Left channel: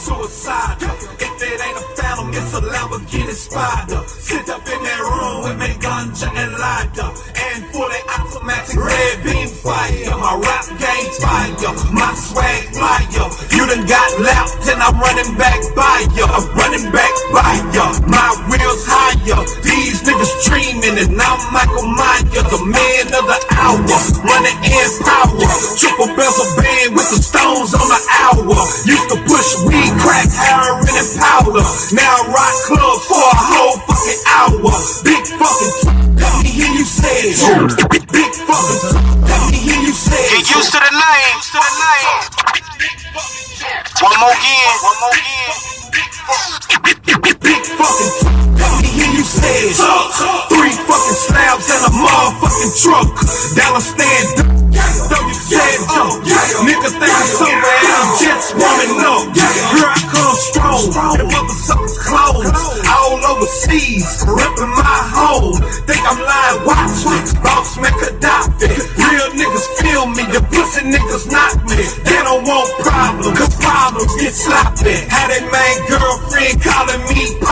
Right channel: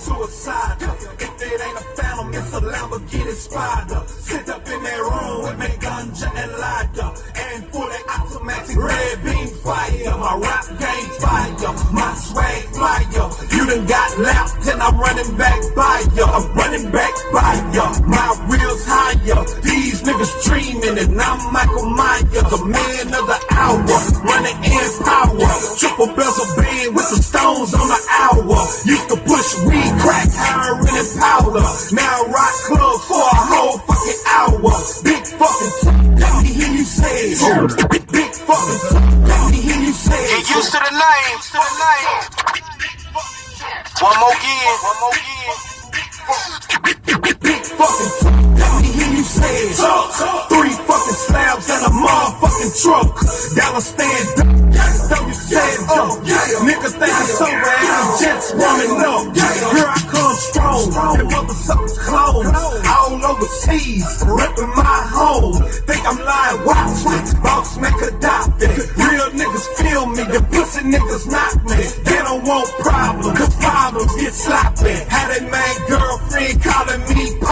suicidal. If it ain't a phantom, it's a Lamborghini Spider. Sit up in that room with me ganja and lighter, and fully automatic red beam fire. My rap game fire, my swag flyer. You done got lapped and I'm running back by ya. I'm running back by ya. My wheels higher. These niggas dreaming and I'm Michael Myers, the man of the hour, running in power. Triple bezel band with the stones on the hour. Used to push weed, crack, heroin, and powder. Now rock club for a whole fucking hour. Big fucking let me hear you say it. Big fucking let me hear you say it. Get used to the name. One more again. Big fucking let me hear you say it. 3 fucking slabs and a motherfucking truck. Dollar stand, don't you say it, niggas think I'm somewhere, I'm just warming up. Here I come strong, the motherfuckers clothes all overseas, ripping my home. Think I'm lying, watch, boss man Gaddafi. Real niggas feel me, the pussy niggas not.